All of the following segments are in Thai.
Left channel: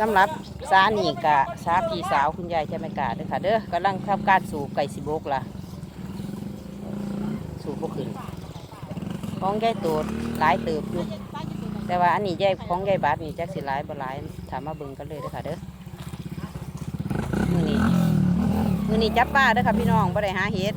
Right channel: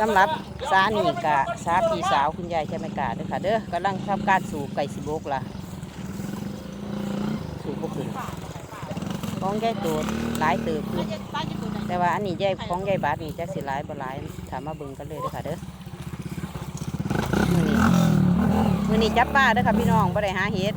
สำหรับสานี่กะสาพี่สาวคุณยายจะไหมกาเด้อค่ะ เด้อกำลังทำการสูบไก่สิบกล่ะ สูบบ่ขึ้นของยายโตดหลายเติบอยู่แต่ว่าอันนี้ยายของยายบาทนี่จักสิหลายบ่หลายถามมาเบิ่งกันเลยเด้อค่ะเด้อมือนี้มือนี้จับป้าเด้อค่ะพี่น้องบ่ได้หาเห็ด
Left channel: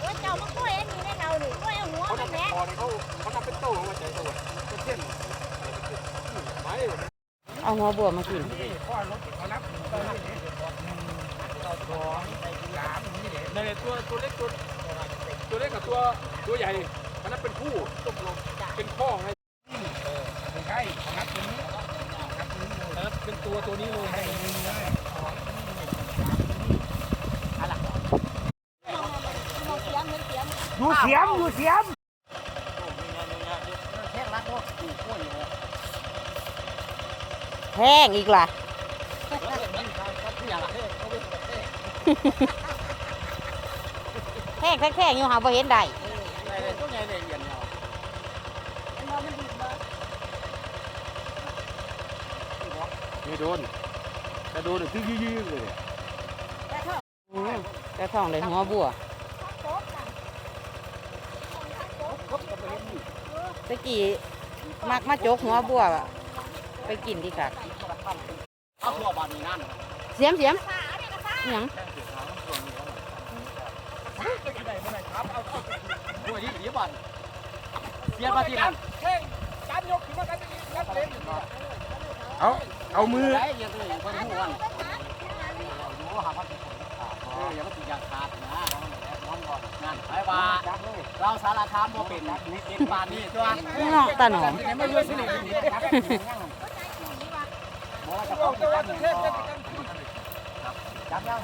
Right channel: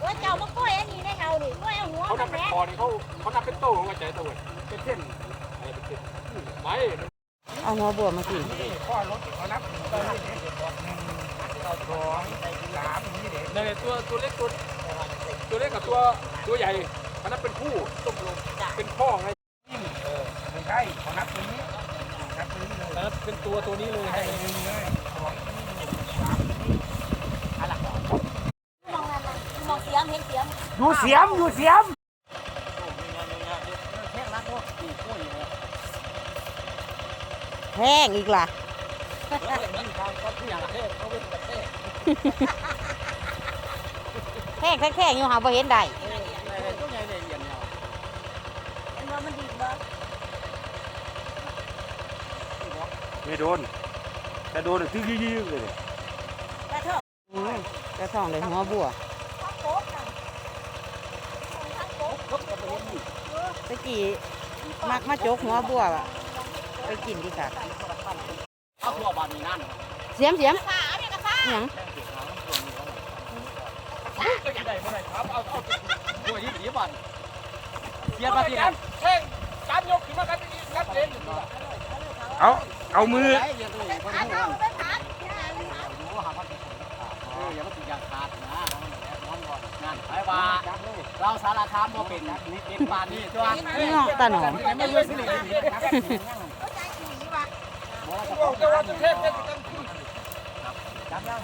เออเจ้ามากล้วยอันนี้ได้เราดิกล้วยเอาหัวมันแหม่ พอนี่เขาเขานับเป็นโต้ของกระจายตัวเป็นเส้นไม่ เอา หัวบัวมากินในตัวตัวเล็กตัวตัวเล็กกับตัวตัวใหญ่เขานับเป็นคู่เป็นพ่อไงใช่นับตัวนี้นับเป็นตัวตัวนี้เลยให้ เสียงเห็นเสียง ดูเสียมดูเสียม แพงอีกล่ะ แพงแพงๆอยู่หาบ่เห็นได้ไม่โดนแต่โดนที่ยืดๆเลยกระท่องเลยหัวบัวตะกี้มักมาจกหัวบัวอะ ไปกินดีค่ะเอาตัวบานนี้นั่นเสียมเสียมอิหยังตัวยี่สิบบาทเสียบาทที่นั่นเข่งจับยกขึ้นมากันนับเล่นเอาเอามือได้ยังเลยบนหัวมันอยู่หาพันเอออย่ามาติดยาขาดนะน้องก่อนนั่นไอ้ว่าเราสารคามบ่เป็นนี่เป็นปานนี้ตัวนี่เนาะตาหนอม ไม่ยืดสิเลยบ่ว่าจะต้องกินกันอย่างจับยัง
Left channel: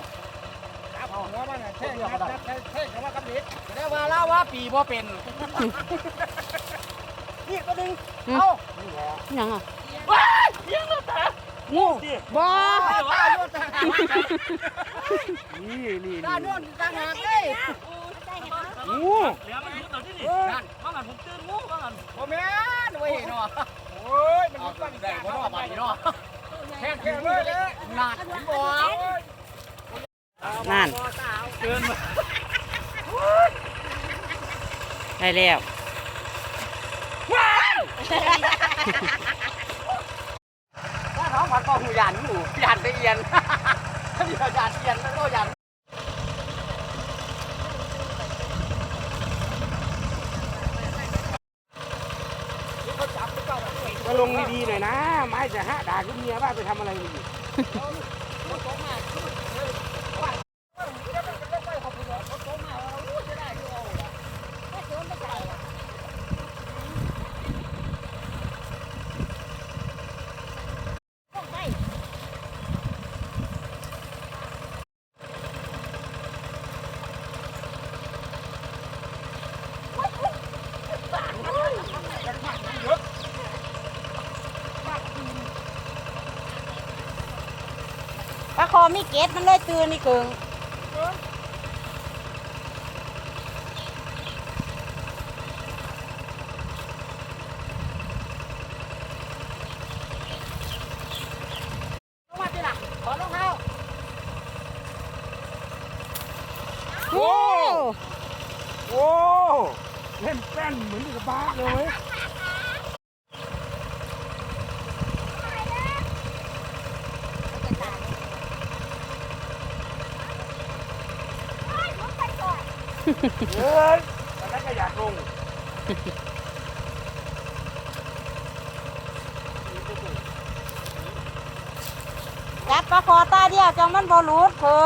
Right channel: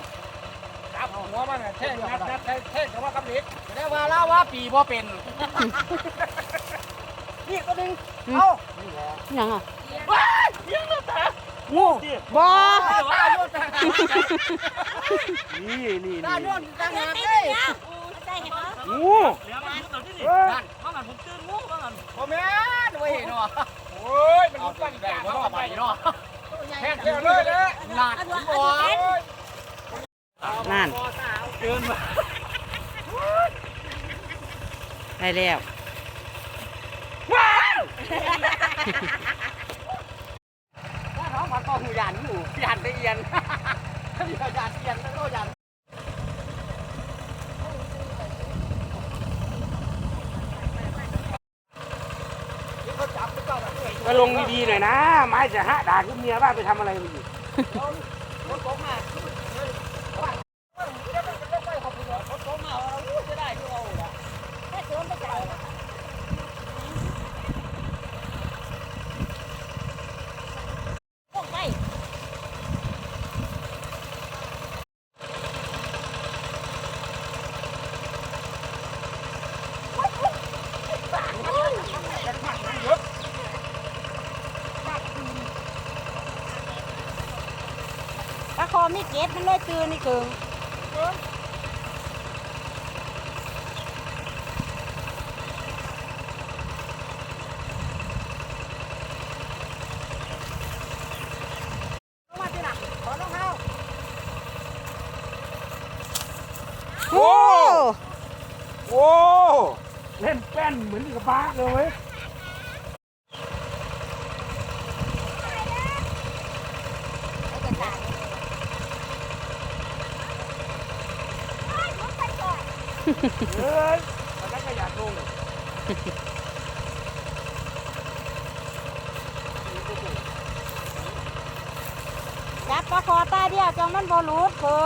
เอาหัวมันเข่นับนับเข่งของมันกับเด็กได้ว่าเล่าว่าปีบ่เป็นนี่ก็ดึงอิหยังอะงูบ่นี่นี่ตานี่โน่นต่างหากเลยงูเหลือมันยุดหน่อยที่นี่นั่นว่างันผมตื่นงูว่างันบ่แม่นเว้ยเนาะโอ้ยมันเอาตั้งได้บ่เนาะบาดนี้เนาะ นักบ่นั่นเกินมาได้แล้วถ้าน้องผัดก็หูยันอยู่ยันได้เอียนถ้ามียันเอียนก็ยัน ก็ ลงดีๆหน่อยนะ ไม้จะหะด่าคุณเมียว่าไปทำอะไรอยู่ ปลาคอไม่ เก็ตมันเลยตื่นนี่คือโอ้โอ้เล่นแป้นเหมือนกับบ้าเลย จับปลาคอตาเดียวจังมันบอลูดเพิ่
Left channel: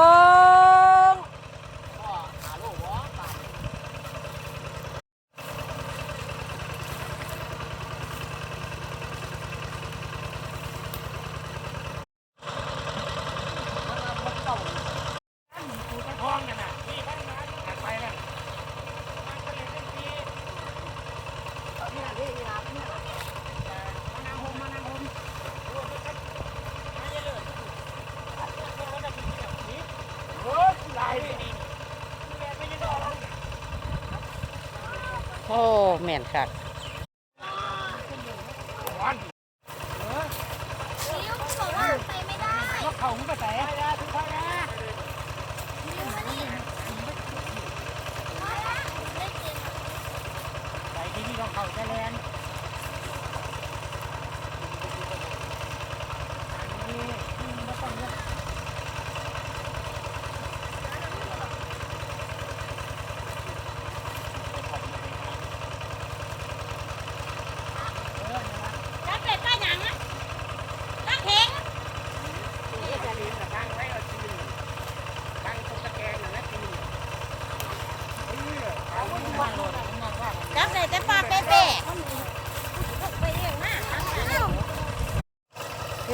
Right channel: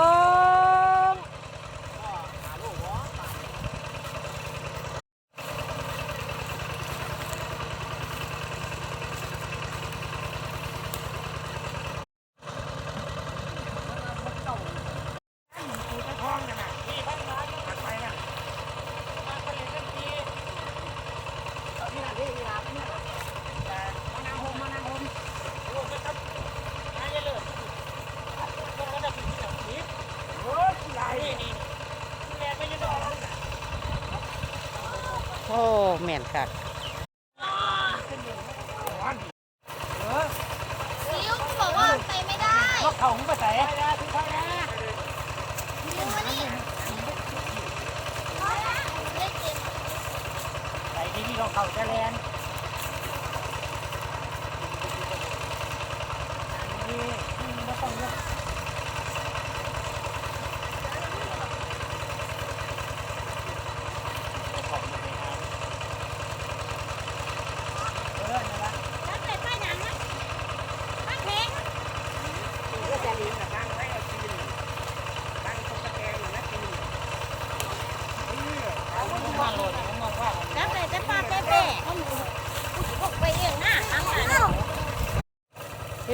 แม่นคัก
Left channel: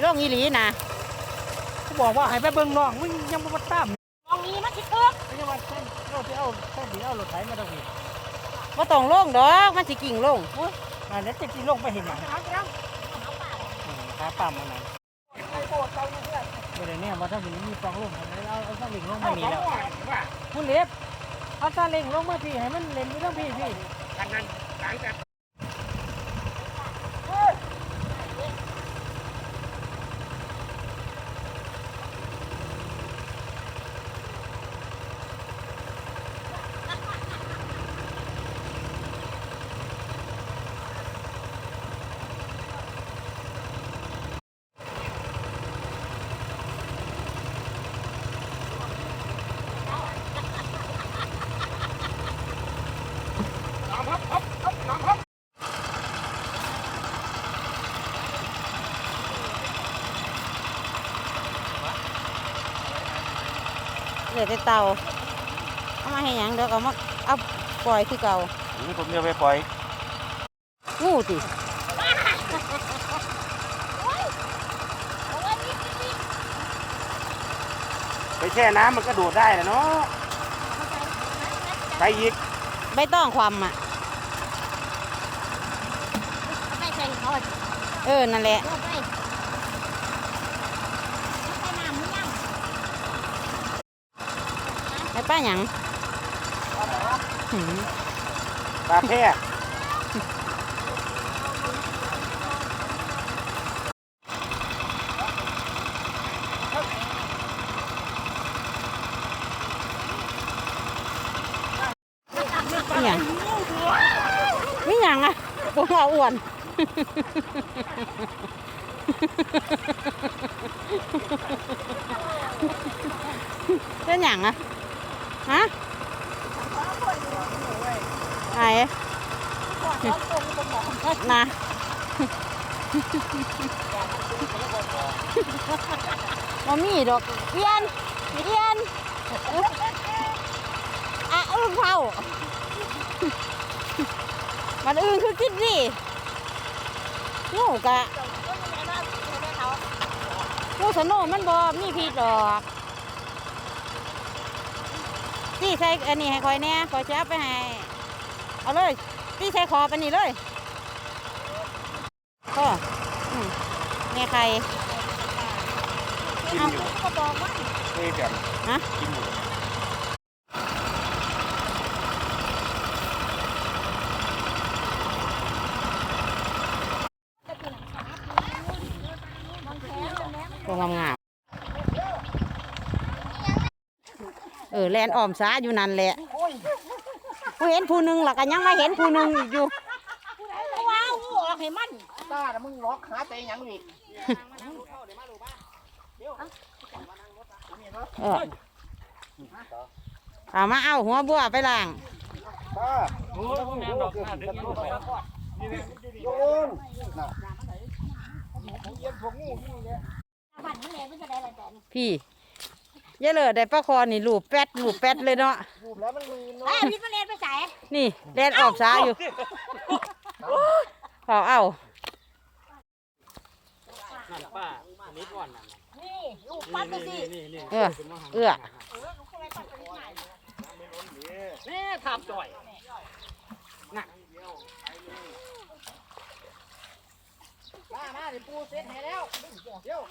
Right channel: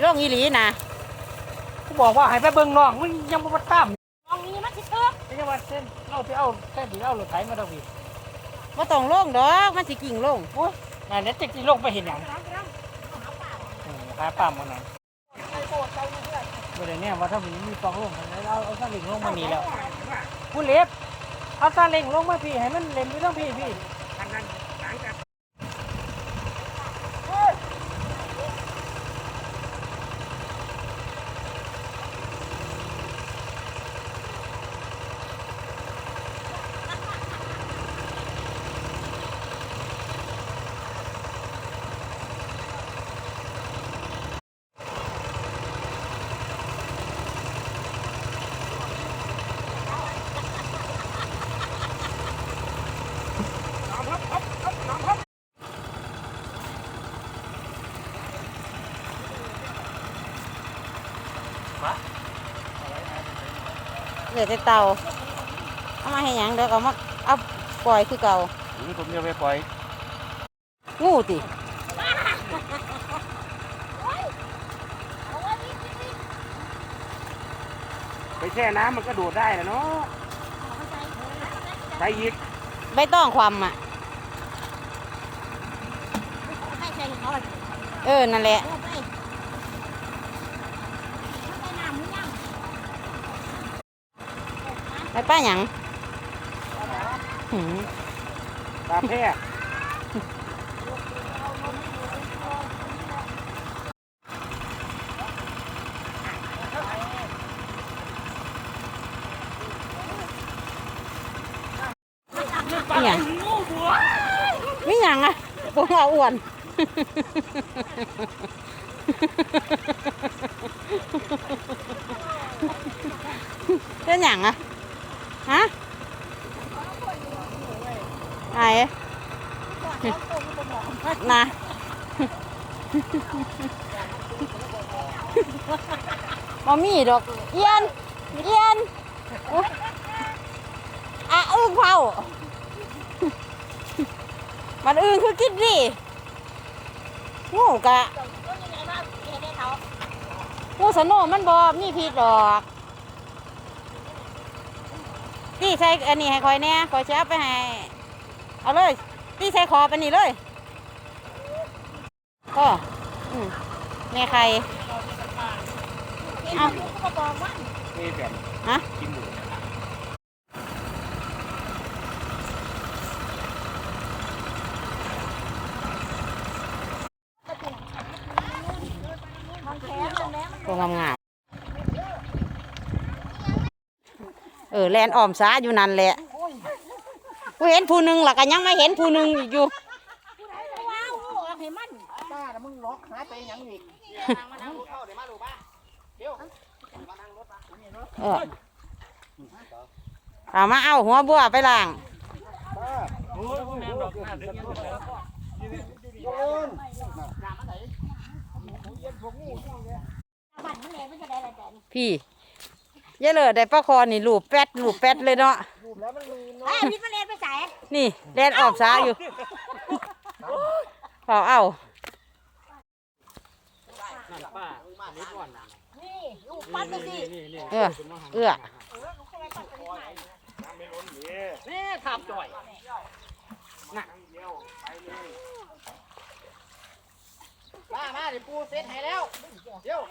สิลงอีหลีนะกูบอกว่าให้ไปเบิ่งน้องมึงยังบ่มาตามมองนี้มันสิเกิดไม่ใช่ว่าเส้นเราไปเอาเส้นที่เอารถไถมาตรงนี้บ่ต้องลงดอกมันสิกิ่งลงงานนี้จริงๆลงไปเห็นหยังหาป่ามันนั่นบ่ได้แน่ว่าถ้ามันยังมีปองลงเอาเอาซาเล้งลงมานี่แล้วผู้เล็บเอาซาเล้งลงมาพี่ให้มันเล่นอยู่ทั้งพี่พี่เหลื อแต่เตาเอามาให้หยังเดี๋ยวก็มาเอาปล่อยคือเก่าผมจะไปปล่อยงูติไปแช่น้ำมันก็โดดได้นะเนาะใส่ยิกใบต้องความอะ ให้แข่งเขา เออ นั่นแหละไปไปน้ำมึงยัง ไปป้าหยังหืมตาแช่นี่หยังนี่หยังอะปวงเอาอ้วนเป็นหยังอะ ฮะไอ้นะบ่มีดอกเอียนเอียนอะอึ้งเผามันอึ้งคือกินดิงูกะก็ยังไงบ้างเห็นไหมเขางูสนุมันบ่มีพิษดอก จี้ใส่อันนี้ให้คอยแน่คอยจะเอาไปให้ เอาเลยจี้ใส่คอไปนี่เลยก็อืมแม่ใครเห็นมันก็บอกว่าเฮ้ยเดี๋ยวฮะกินหมู ตัวงามงามๆเออแลนอ้อมซ้าอยู่นั่นแหละผู้เห็นผู้หนึ่งหลักก็ยังไม่เห็นผู้หนึ่งอีกอยู่ว้าวออกให้มันตามึงล็อกหาใจยังอีกเออเอามาเอาหัวบัวไปล้างโอ้ยแม่ดอกหน้าเด็กลูกแล้วบัตรมันเลยมันจะได้อะไรแต่พี่เยอะเลยได้ปลาคอนี่ลูบแป๊ดลูบแป๊ดเลยเนาะไอ้พิษมันเลยไปใส่นี่แดนออกซ้าอยู่ขอเอานั่นป้าอันนี้ก่อนน่ะนี่ลูกปั้นไปสินี่นี่เออเอื้อแม่ทำจ่อยน่ะมามาเดี๋ยวปูเซ็ตให้แล้วเดี๋ยวห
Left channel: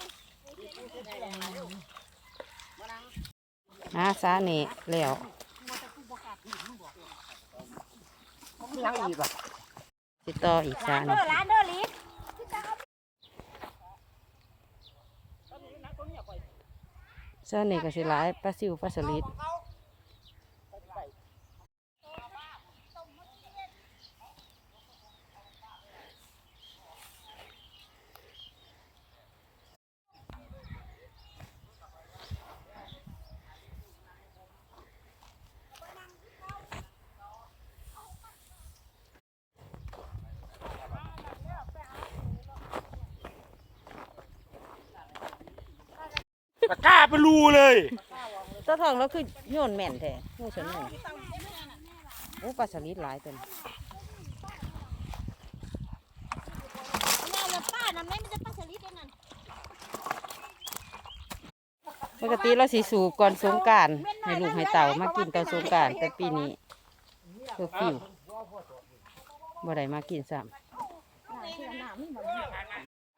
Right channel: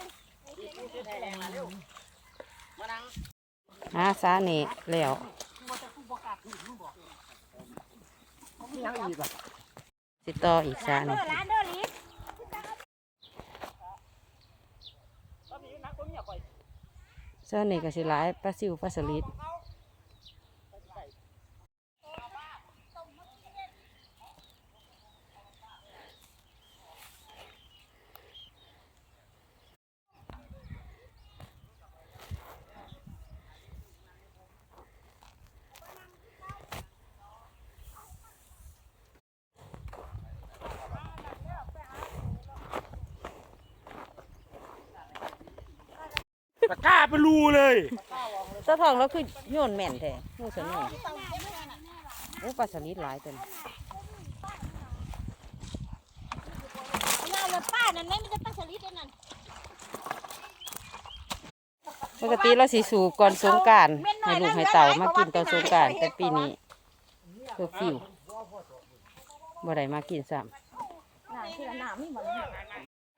าซ้านี่แล้ว ยังอีกอะสิต่ออีกสาหนึ่งร้านเด้อลิฟเส้นนี้ก็สิหลายปลาซิวปลาสลิดะกร้าเป็นรูเลยเจ้าทองแล้วคือโยนแม่นแท้งูสนุกโอ้ปลาสลิดหลายเต็มป้านั่นแม่มันจะป้าสลิดนั่นปกติเราสิสูบก่อนสงกรารให้ลูกให้เต่ามากินตอนสงกรารแต่ปีนี้เคอร์ฟิวบ่ได้มากินซ้ำ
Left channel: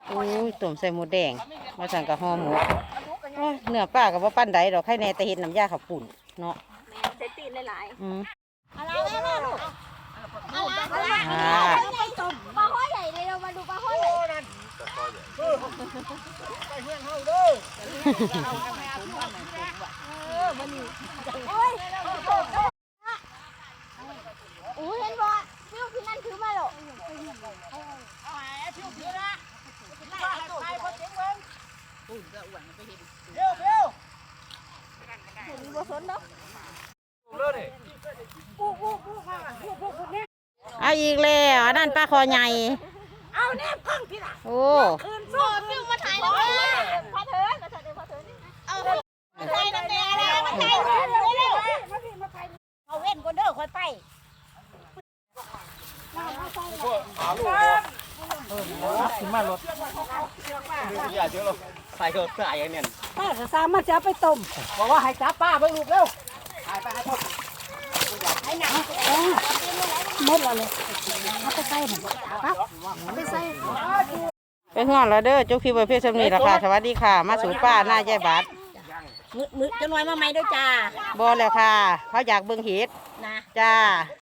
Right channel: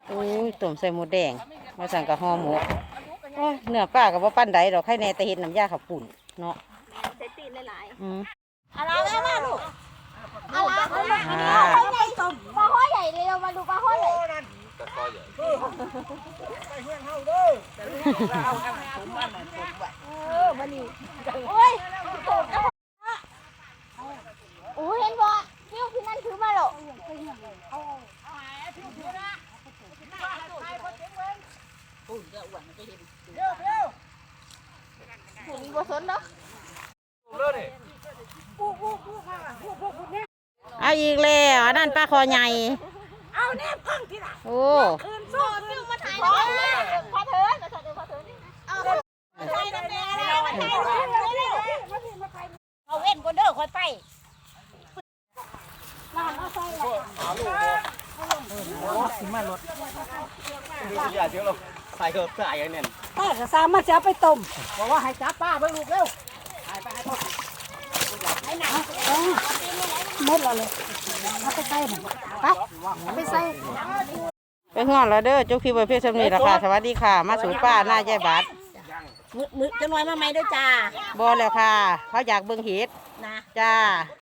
โอ้ยต้มใส่หมูแดงมาสั่งกับห่อหมู โอ้ยเนื้อปลากับว่าปั้นใดดอกไข่แน่แต่เห็ดน้ำยาขับปุ่นเนาะใส่ตีนหลายอืมๆอะไรนะอะไรอะไรอ่าปลาห้อยใหญ่เลยเรามาดูปลาห้อยใหญ่โอ้ยเห็นบ่ฟิวที่นั่นถือมาหรอกบ่สนเนาะ เอาอีกแล้วอันนั้นปลาคอใหญ่ เอาแน่พังพี่ล่ะโอ้คืนสู้ฟิวมาถ่ายเลยพาเถินมาถ่ายเลยพาเถินเอาถ่ายตั้งแต่แล้วมาถ่ายเอาเว้นก็เด้อค่อยไปอย่าเชื่อหรอกใส่รถใส่อย่างนี้ป้าจะสามารถจะเอาไปต้มบอกว่าให้จับป้าไปลูกเร็วไอ้หนังห มดแล้วเลยเอาไปใส่หน่อยไปเอาไปใส่ไปห่วงแล้วเด้อจุกคีบเพื่อสมนีราคาสวัสดีค่ะ มาสู่ป้าหน้าใจบัดมือมือจะน้อยมาไหมด้วยจ้าบอแล้วค่ะ เขาอยากเบิ่งเห็ดนะจ้า